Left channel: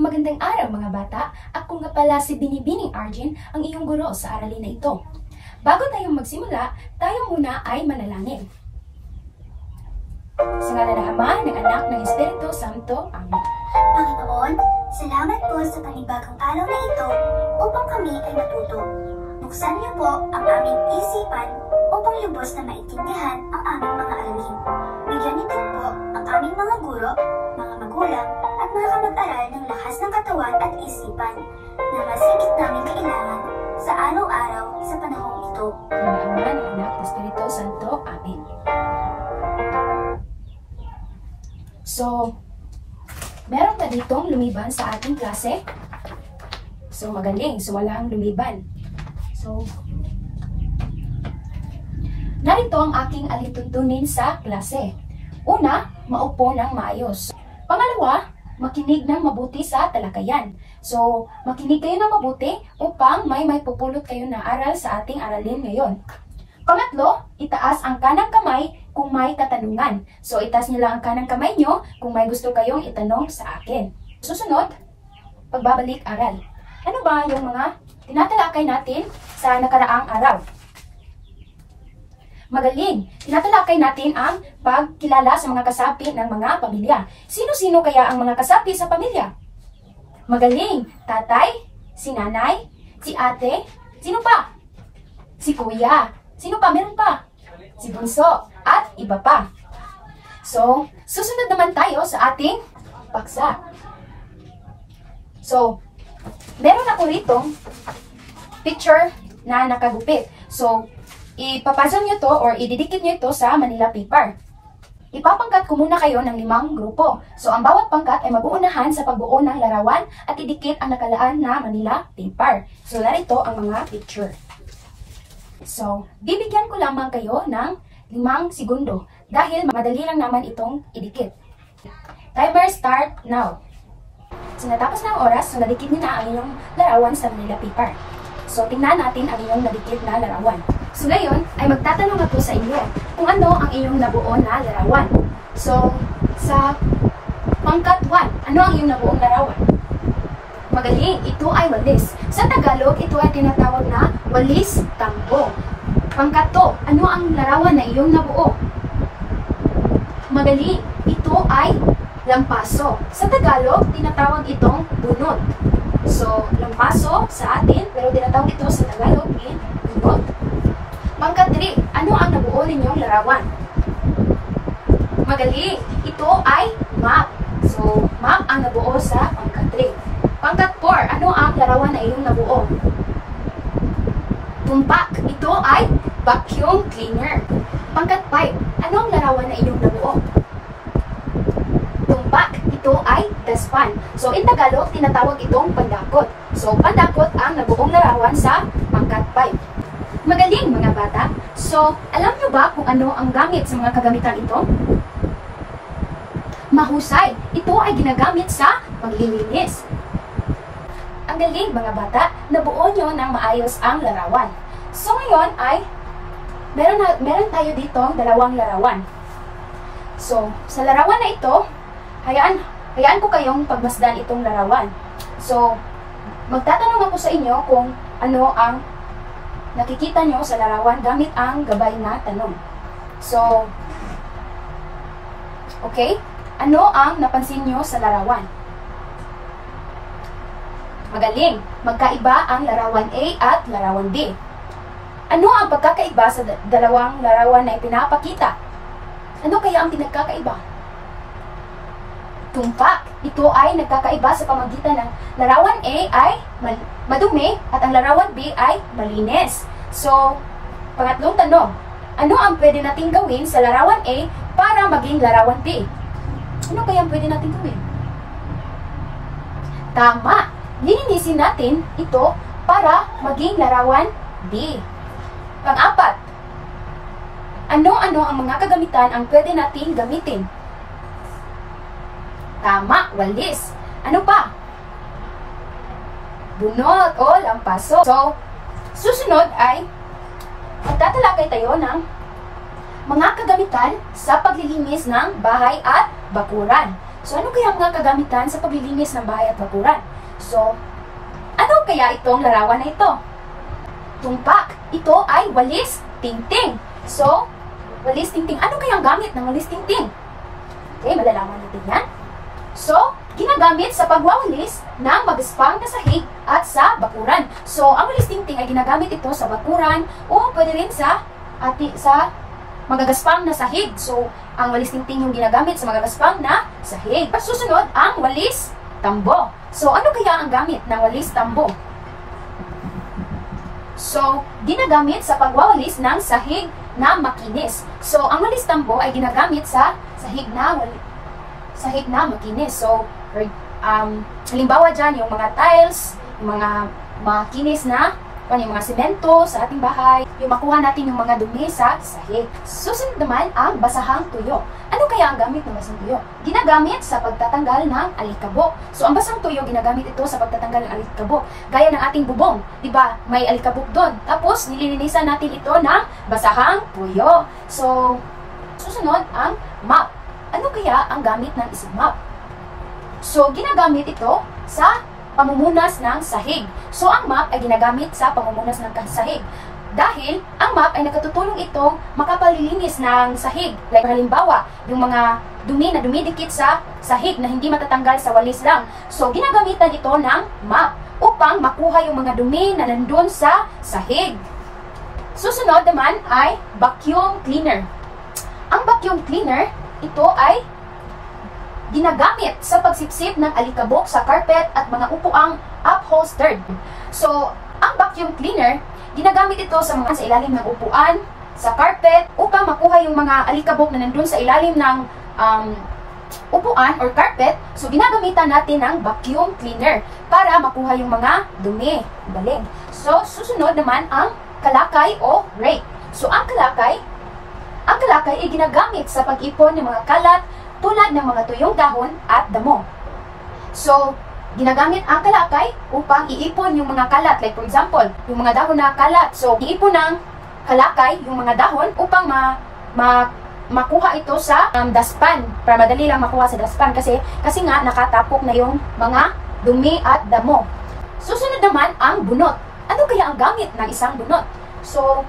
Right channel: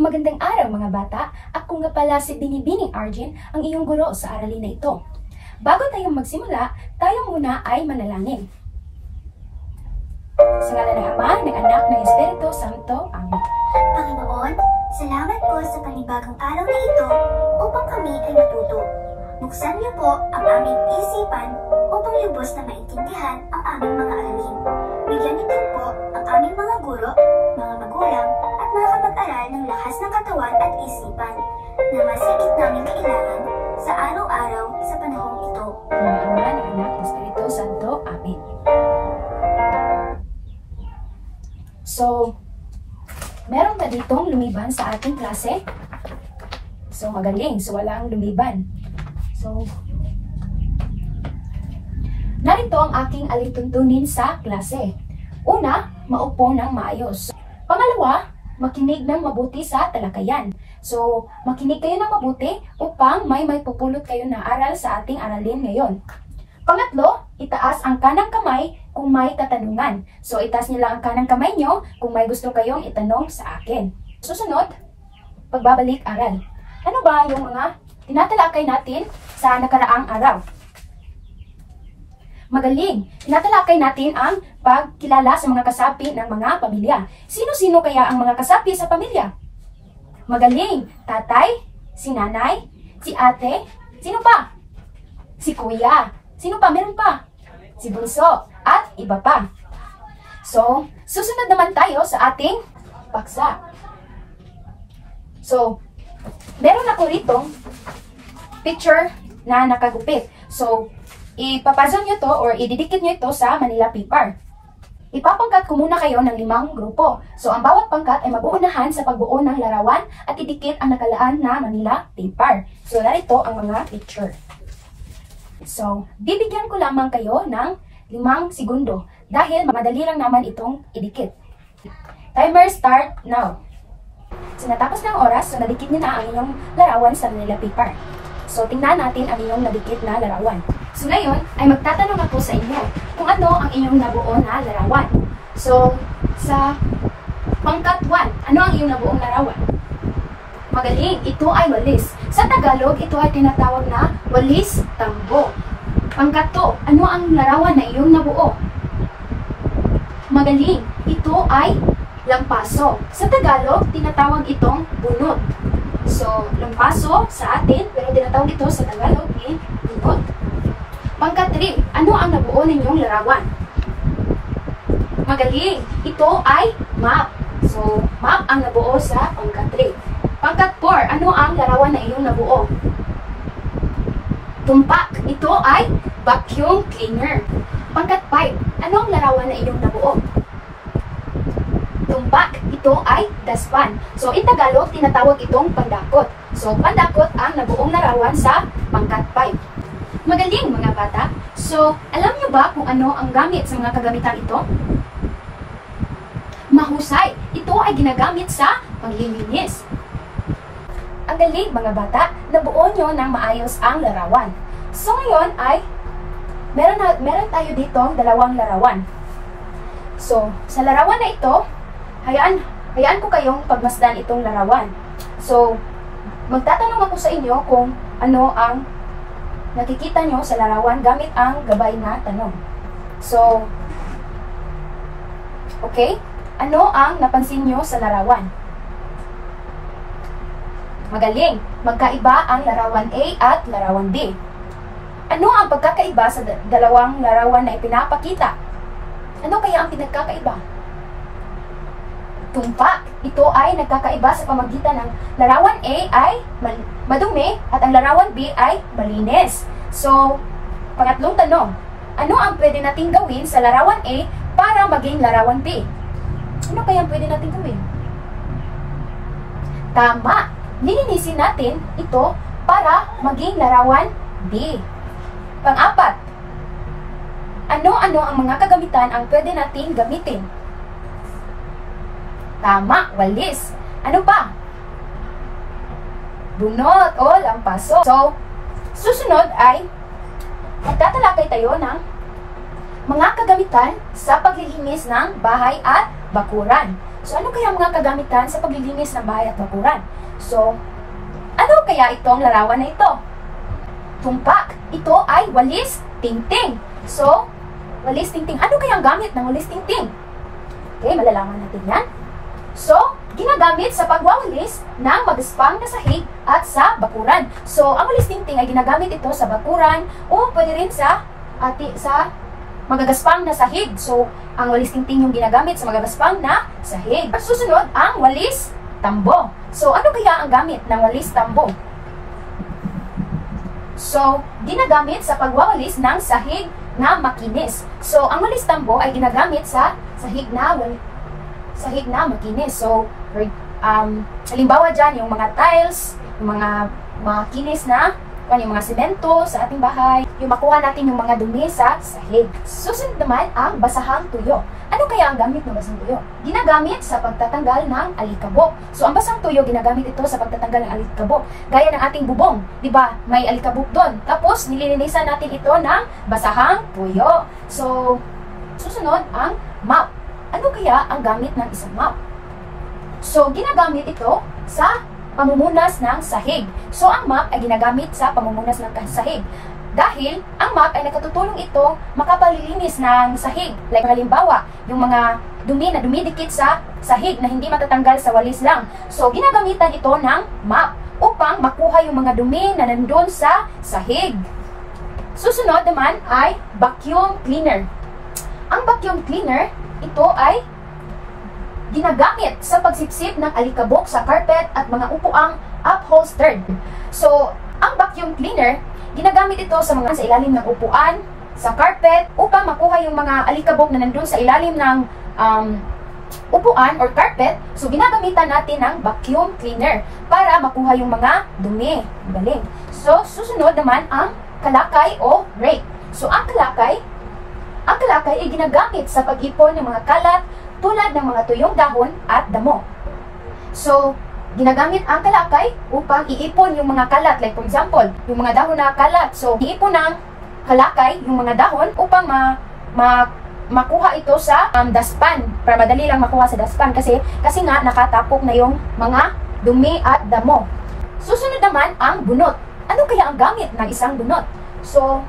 Magandang araw mga bata, ako nga pala si Binibining Arjen, ang iyong guro sa aralin na ito. Bago tayong magsimula, tayo muna ay manalangin. Sa ngalan ng Ama, ng Anak, ng Espiritu Santo. Amen. Panginoon, salamat po sa panibagong araw na ito upang kami ay matuto. Buksan niyo po ang aming isipan upang lubos na maintindihan ang aming mga aralin. Bigyan niyo din po ang aming mga guro, mga magulang, at mga kamag-aral ng lakas ng katawan at isipan na mas higit namin kailangan sa araw-araw sa panahong ito. Sa ngalan ng Ama, ng Anak, ng Espiritu Santo. Amen. So, meron ba ditong lumiban sa ating klase? So, magaling. So, walang lumiban. So, narito ang aking alintuntunin sa klase. Una, maupo ng maayos. Pangalawa, makinig ng mabuti sa talakayan. So, makinig kayo ng mabuti upang may pupulot kayo ng aral sa ating aralin ngayon. Pangatlo, itaas ang kanang kamay kung may katanungan. So, itaas niyo lang ang kanang kamay nyo kung may gusto kayong itanong sa akin. Susunod, pagbabalik aral. Ano ba yung mga tinatalakay natin sa nakaraang araw? Magaling! Tinatalakay natin ang pagkilala sa mga kasapi ng mga pamilya. Sino-sino kaya ang mga kasapi sa pamilya? Magaling! Tatay, si nanay, si ate, sino pa? Si kuya. Sino pa? Meron pa? Si bunso. At iba pa. So, susunod naman tayo sa ating paksa. So, meron ako rito picture na nakagupit. So, ipapazong nyo to or ididikit nyo ito sa Manila paper. Ipapangkat ko muna kayo ng 5 grupo. So, ang bawat pangkat ay mag-uunahan sa pagbuo ng larawan at idikit ang nakalaan na Manila paper. So, narito ang mga picture. So, bibigyan ko lamang kayo ng 5 segundo dahil madali lang naman itong idikit. Timer start now. So, natapos ng oras, so nadikit nyo na ang inyong larawan sa Manila paper. So, tingnan natin ang inyong nadikit na larawan. So, ngayon ay magtatanong ako sa inyo kung ano ang inyong nabuo na larawan. So, sa pangkat 1, ano ang inyong nabuong larawan? Magaling, ito ay walis. Sa Tagalog, ito ay tinatawag na walis tambo. Pangkat 2, ano ang larawan na iyong nabuo? Magaling, ito ay lampaso. Sa Tagalog, tinatawag itong bunot. So, lampaso sa atin, pero tinatawag ito sa Tagalog bunot. Pangkat 3, ano ang nabuo ninyong larawan? Magaling, ito ay map. So, map ang nabuo sa pangkat 3. Pangkat 4, ano ang larawan na iyong nabuo? Tumpak, ito ay vacuum cleaner. Pangkat 5, ano ang larawan na iyong nabuo? Tumpak, ito ay daspan. So, in Tagalog, tinatawag itong pandakot. So, pandakot ang nabuong larawan sa pangkat 5. Magaling mga bata. So, alam nyo ba kung ano ang gamit sa mga kagamitan ito? Mahusay, ito ay ginagamit sa paglilinis. Ang galing mga bata, nabuo nyo ng maayos ang larawan. So ngayon ay, meron tayo dito 2 larawan. So, sa larawan na ito, hayaan ko kayong pagmasdan itong larawan. So, magtatanong ako sa inyo kung ano ang nakikita nyo sa larawan gamit ang gabay na tanong. So, okay? Ano ang napansin nyo sa larawan? Magaling! Magkaiba ang larawan A at larawan B. Ano ang pagkakaiba sa dalawang larawan na ipinapakita? Ano kaya ang pinagkakaiba? Tumpak. Ito ay nagkakaiba sa pamagitan ng larawan A ay madumi at ang larawan B ay malinis. So, pangatlong tanong. Ano ang pwede nating gawin sa larawan A para maging larawan B? Ano kaya ang pwede nating gawin? Tama! Lilinisin natin ito para maging larawan B. Pang-4. Ano-ano ang mga kagamitan ang pwede nating gamitin? Tama, walis. Ano pa? Bunot o lampaso. So, susunod ay magtatalakay tayo ng mga kagamitan sa paglilinis ng bahay at bakuran. So, ano kaya ang mga kagamitan sa paglilinis ng bahay at bakuran? So, ano kaya itong larawan na ito? Tumpak. Ito ay walis tingting. So, walis tingting. Ano kaya ang gamit ng walis tingting? Okay, malalaman natin yan. So, ginagamit sa pagwawalis ng magaspang na sahig at sa bakuran. So, ang walis tingting ay ginagamit ito sa bakuran o pwede rin sa magagaspang na sahig. So, ang walis tingting yung ginagamit sa magagaspang na sahig. At susunod, ang walis tambo. So, ano kaya ang gamit ng walis tambo? So, ginagamit sa pagwawalis ng sahig na makinis. So, ang walis tambo ay ginagamit sa sahig na makinis. So, halimbawa dyan, yung mga tiles, yung mga makinis na, yung mga semento sa ating bahay, yung makuha natin yung mga dumi sa sahig. Susunod naman ang basahang tuyo. Ano kaya ang gamit ng basahang tuyo? Ginagamit sa pagtatanggal ng alikabok. So, ang basahang tuyo, ginagamit ito sa pagtatanggal ng alikabok. Gaya ng ating bubong, di ba? May alikabok doon. Tapos, nililinisan natin ito ng basahang tuyo. So, susunod ang mop. Ano kaya ang gamit ng isang mop? So, ginagamit ito sa pamumunas ng sahig. So, ang mop ay ginagamit sa pamumunas ng sahig. Dahil, ang mop ay nakatutulong itong makapalilinis ng sahig. Like, halimbawa, yung mga dumi na dumidikit sa sahig na hindi matatanggal sa walis lang. So, ginagamitan ito ng mop upang makuha yung mga dumi na nandun sa sahig. Susunod naman ay vacuum cleaner. Ang vacuum cleaner, ito ay ginagamit sa pagsipsip ng alikabok sa carpet at mga upuang upholstered. So, ang vacuum cleaner, ginagamit ito sa ilalim ng upuan, sa carpet, upang makuha yung mga alikabok na nandun sa ilalim ng upuan or carpet. So, ginagamitan natin ng vacuum cleaner para makuha yung mga dumi. Galing. So, susunod naman ang kalakay o rake. So, ang kalakay ay ginagamit sa pag-ipon ng mga kalat tulad ng mga tuyong dahon at damo. So, ginagamit ang kalakay upang iipon yung mga kalat. Like for example, yung mga dahon na kalat. So, iipon ng kalakay yung mga dahon upang makuha ito sa dustpan. Para madali lang makuha sa dustpan kasi nga nakatapok na yung mga dumi at damo. Susunod naman ang bunot. Ano kaya ang gamit ng isang bunot? So,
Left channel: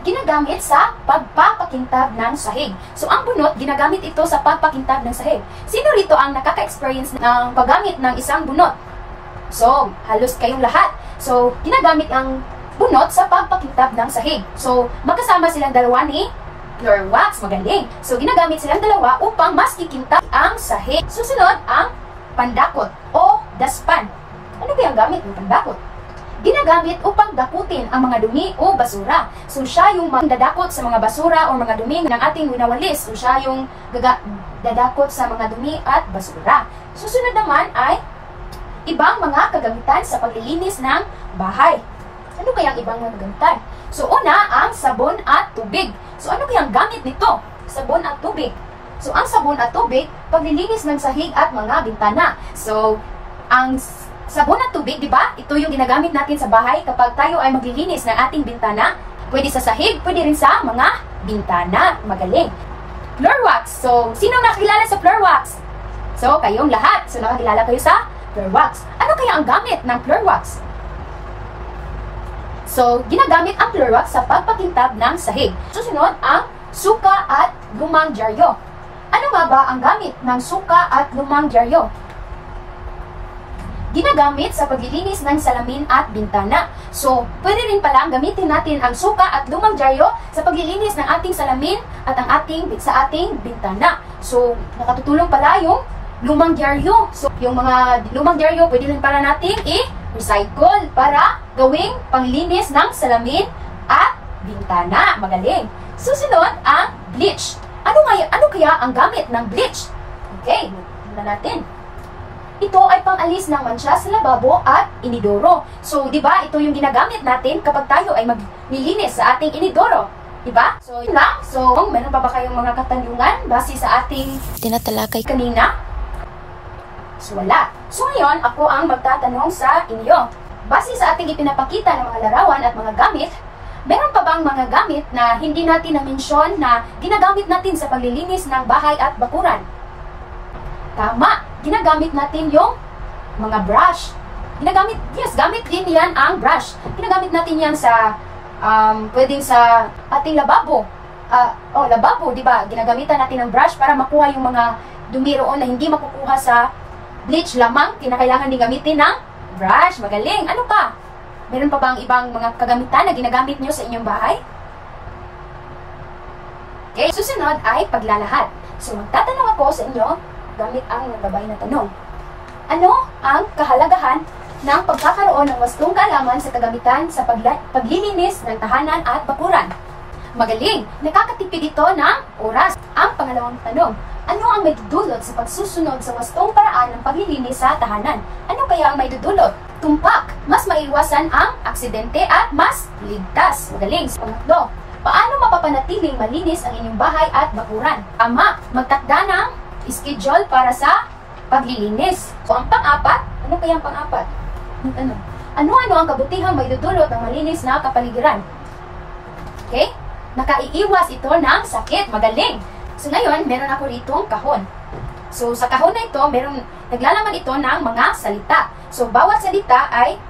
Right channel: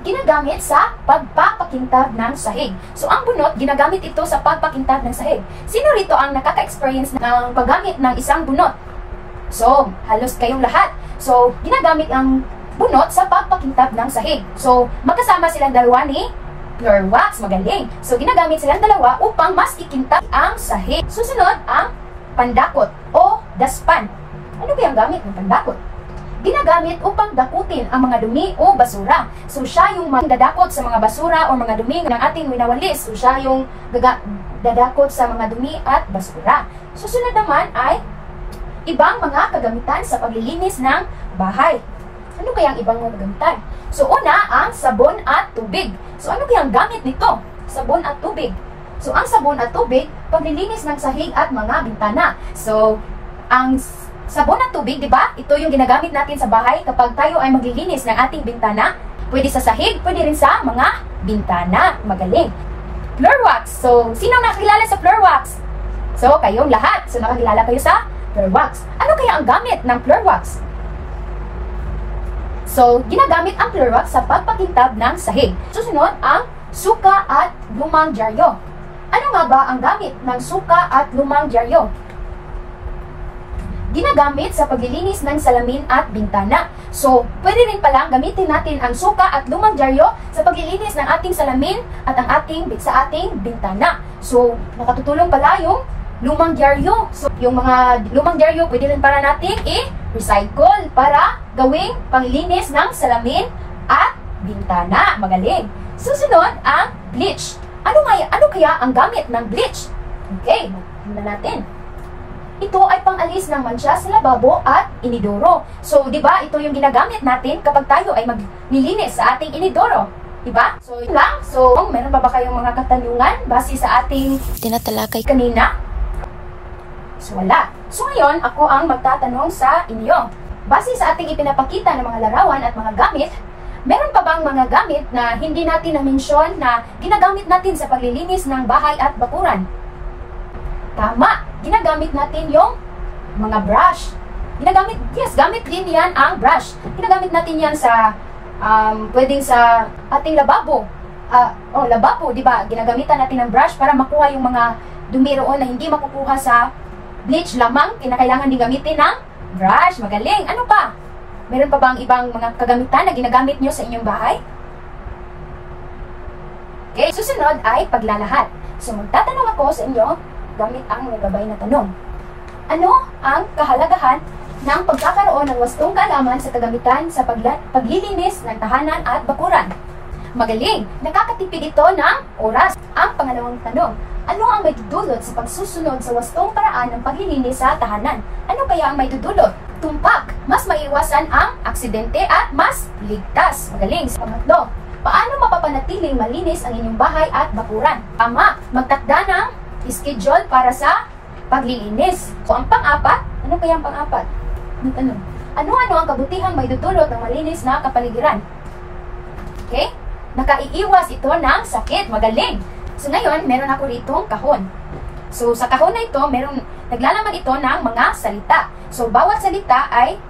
ginagamit sa pagpapakintab ng sahig. So, ang bunot, ginagamit ito sa pagpakintab ng sahig. Sino rito ang nakaka-experience ng paggamit ng isang bunot? So, halos kayong lahat. So, ginagamit ang bunot sa pagpakintab ng sahig. So, magkasama silang dalawa ni floor wax. Magaling. So, ginagamit silang dalawa upang mas kikintab ang sahig. Susunod, ang pandakot o dustpan. Ano kaya ang gamit ng pandakot? Ginagamit upang dakutin ang mga dumi o basura. So, siya yung dadakot sa mga basura o mga dumi ng ating winawalis. So, siya yung dadakot sa mga dumi at basura. Susunod naman ay ibang mga kagamitan sa paglilinis ng bahay. Ano kaya ang ibang mga kagamitan? So, una, ang sabon at tubig. So, ano kaya ang gamit nito? Sabon at tubig. So, ang sabon at tubig, paglilinis ng sahig at mga bintana. So, ang sabon at tubig, di ba? Ito yung ginagamit natin sa bahay kapag tayo ay maglilinis ng ating bintana. Pwede sa sahig, pwede rin sa mga bintana. Magaling. Floor wax. So, sino nakakilala sa floor wax? So, kayong lahat. So, nakakilala kayo sa floor wax. Ano kaya ang gamit ng floor wax? So, ginagamit ang floor wax sa pagpakintab ng sahig. Susunod, ang suka at lumang dyaryo. Ano nga ba ang gamit ng suka at lumang dyaryo? Ginagamit sa paglilinis ng salamin at bintana. So, pwede rin palang gamitin natin ang suka at lumang dyaryo sa paglilinis ng ating salamin at sa ating bintana. So, nakatutulong pala yung lumang dyaryo. So, yung mga lumang dyaryo pwede rin para natin i-recycle para gawing panglilinis ng salamin at bintana. Magaling. Susunod, ang bleach. Ano kaya ang gamit ng bleach? Okay, tingnan natin. Ito ay pang-alis ng mancha sa lababo at inidoro. So, di ba, ito yung ginagamit natin kapag tayo ay maglilinis sa ating inidoro. Di ba? So, yun lang. So, meron pa ba kayong mga katanungan base sa ating tinatalakay kanina? So, wala. So, ngayon, ako ang magtatanong sa inyo. Base sa ating ipinapakita ng mga larawan at mga gamit, meron pa bang mga gamit na hindi natin na-mention na ginagamit natin sa paglilinis ng bahay at bakuran? Tama, ginagamit natin yung mga brush. Gamit din yan ang brush. Ginagamit natin yan sa, pwedeng sa ating lababo. Lababo, di ba? Ginagamitan natin ng brush para makuha yung mga dumi roon na hindi makukuha sa bleach lamang. Kinakailangan din gamitin ng brush. Magaling. Ano pa? Meron pa bang ibang mga kagamitan na ginagamit nyo sa inyong bahay? Okay, susunod ay paglalahat. So, magtatanong ako sa inyo gamit ang nagabay na tanong. Ano ang kahalagahan ng pagkakaroon ng wastong kaalaman sa kagamitan sa paglilinis ng tahanan at bakuran? Magaling! Nakakatipid ito ng oras. Ang pangalawang tanong, ano ang may dudulot sa pagsusunod sa wastong paraan ng paglilinis sa tahanan? Ano kaya ang may dudulot? Tumpak, mas maiwasan ang aksidente at mas ligtas. Magaling! Pangatlo, paano mapapanatiling malinis ang inyong bahay at bakuran? Tama, magtakda ng schedule para sa paglilinis. So, ang pang-apat, ano kaya ang pang-apat? Ano-ano ang kabutihang may dudulot ng malinis na kapaligiran? Okay? Nakaiiwas ito ng sakit. Magaling! So, ngayon, meron ako ditong kahon. So, sa kahon na ito, naglalaman ito ng mga salita. So, bawat salita ay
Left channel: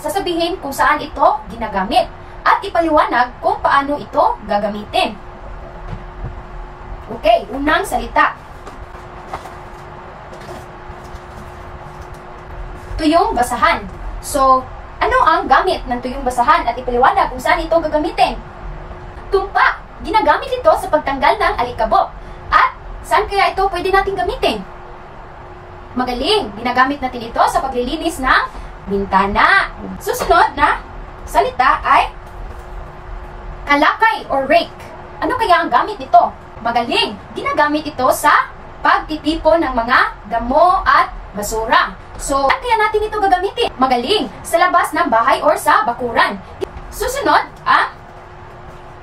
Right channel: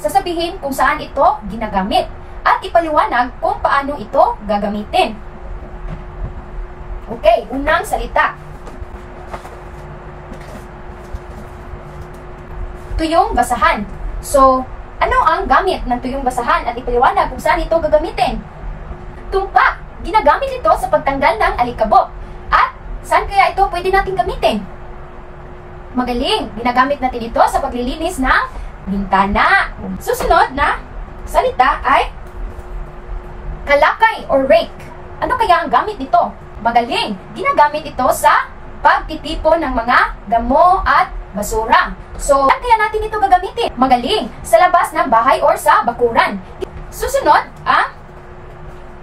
sasabihin kung saan ito ginagamit at ipaliwanag kung paano ito gagamitin. Okay, unang salita. Tuyong basahan. So, ano ang gamit ng tuyong basahan at ipaliwanag kung saan ito gagamitin? Tumpa. Ginagamit ito sa pagtanggal ng alikabok. At saan kaya ito pwede natin gamitin? Magaling. Ginagamit natin ito sa paglilinis ng bintana. Susunod na salita ay kalakay or rake. Ano kaya ang gamit nito? Magaling. Ginagamit ito sa pagtitipon ng mga damo at basura. So, saan kaya natin ito gagamitin? Magaling. Sa labas ng bahay or sa bakuran. Susunod ang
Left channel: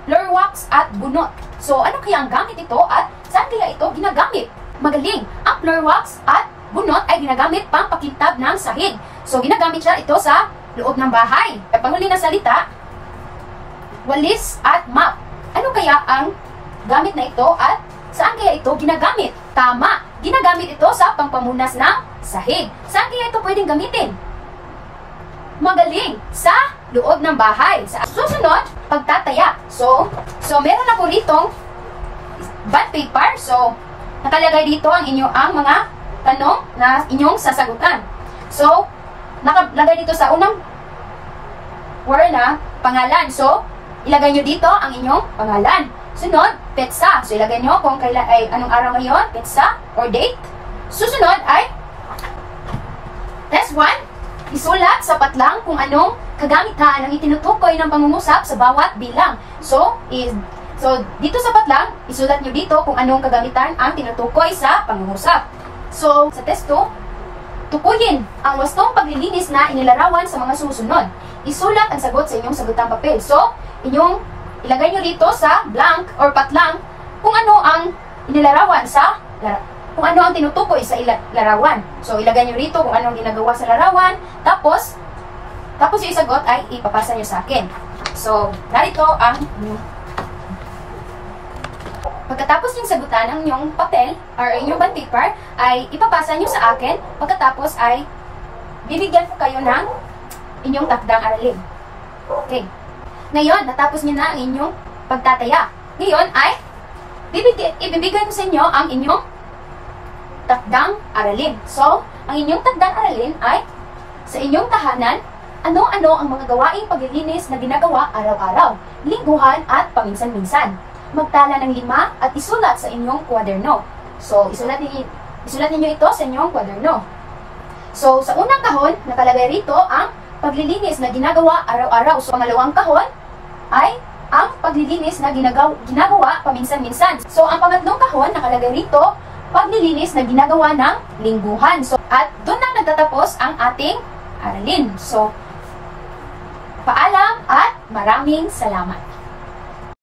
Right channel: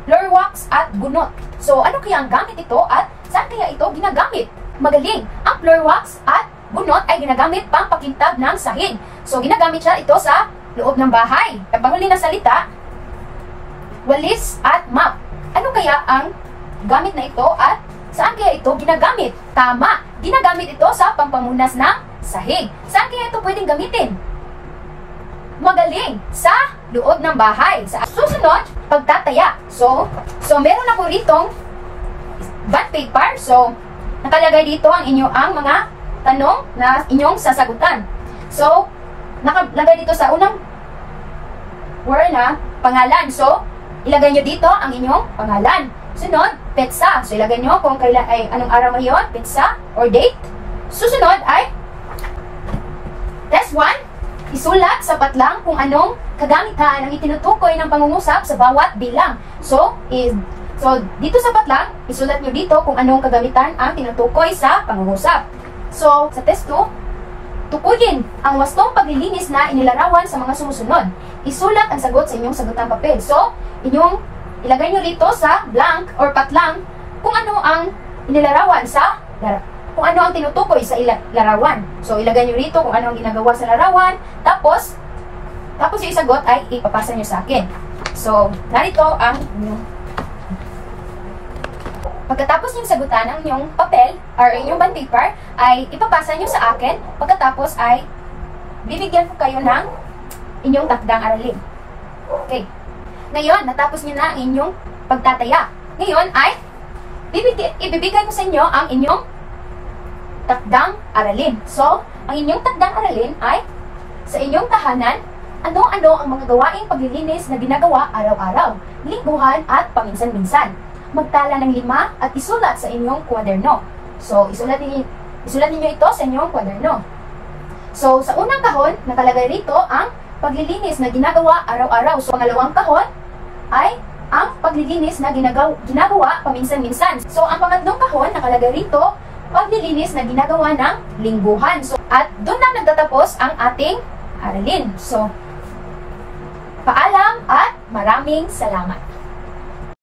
floor wax at bunot. So, ano kaya ang gamit ito at saan kaya ito ginagamit? Magaling. Ang floor wax at bunot ay ginagamit pang pakintab ng sahig. So, ginagamit siya ito sa loob ng bahay. Panghuli na salita, walis at mop. Ano kaya ang gamit na ito at saan kaya ito ginagamit? Tama. Ginagamit ito sa pangpamunas ng sahig. Saan kaya ito pwedeng gamitin? Magaling. Sa loob ng bahay. Sa susunod, pagtataya. So meron ako ditong bond paper. So, nakalagay dito ang mga tanong na inyong sasagutan. So, nakalagay dito sa unang word na pangalan. So, ilagay nyo dito ang inyong pangalan. Sunod, petsa. So, ilagay nyo kung kailan ay anong araw ngayon, petsa or date. Susunod ay test 1. Isulat sa patlang kung anong kagamitan ang itinutukoy ng pangungusap sa bawat bilang. So dito sa patlang, isulat nyo dito kung anong kagamitan ang tinutukoy sa pangungusap. So, sa test 2, tukuyin ang wastong paglilinis na inilarawan sa mga sumusunod. Isulat ang sagot sa inyong sagutang papel. So, ilagay nyo dito sa blank or patlang kung ano ang inilarawan kung ano ang tinutukoy sa larawan. So, ilagay nyo rito kung ano ang ginagawa sa larawan. Tapos yung sagot ay ipapasa nyo sa akin. So, narito ang pagkatapos yung sagutan ng inyong papel or inyong bond paper ay ipapasa nyo sa akin. Pagkatapos ay bibigyan ko kayo ng inyong takdang aralin. Okay. Ngayon, natapos nyo na ang inyong pagtataya. Ngayon ay ibibigay ko sa inyo ang inyong takdang aralin. So, ang inyong takdang aralin ay sa inyong tahanan, ano-ano ang mga gawaing paglilinis na ginagawa araw-araw, lingguhan at paminsan-minsan. Magtala ng 5 at isulat sa inyong kwaderno. So, isulat ninyo ito sa inyong kwaderno. So, sa unang kahon, nakalagay rito ang paglilinis na ginagawa araw-araw. So, pangalawang kahon ay ang paglilinis na ginagawa paminsan-minsan. So, ang pangatlong kahon, nakalagay rito paglilinis na ginagawa ng lingguhan. So, at doon lang nagtatapos ang ating aralin. So, paalam at maraming salamat.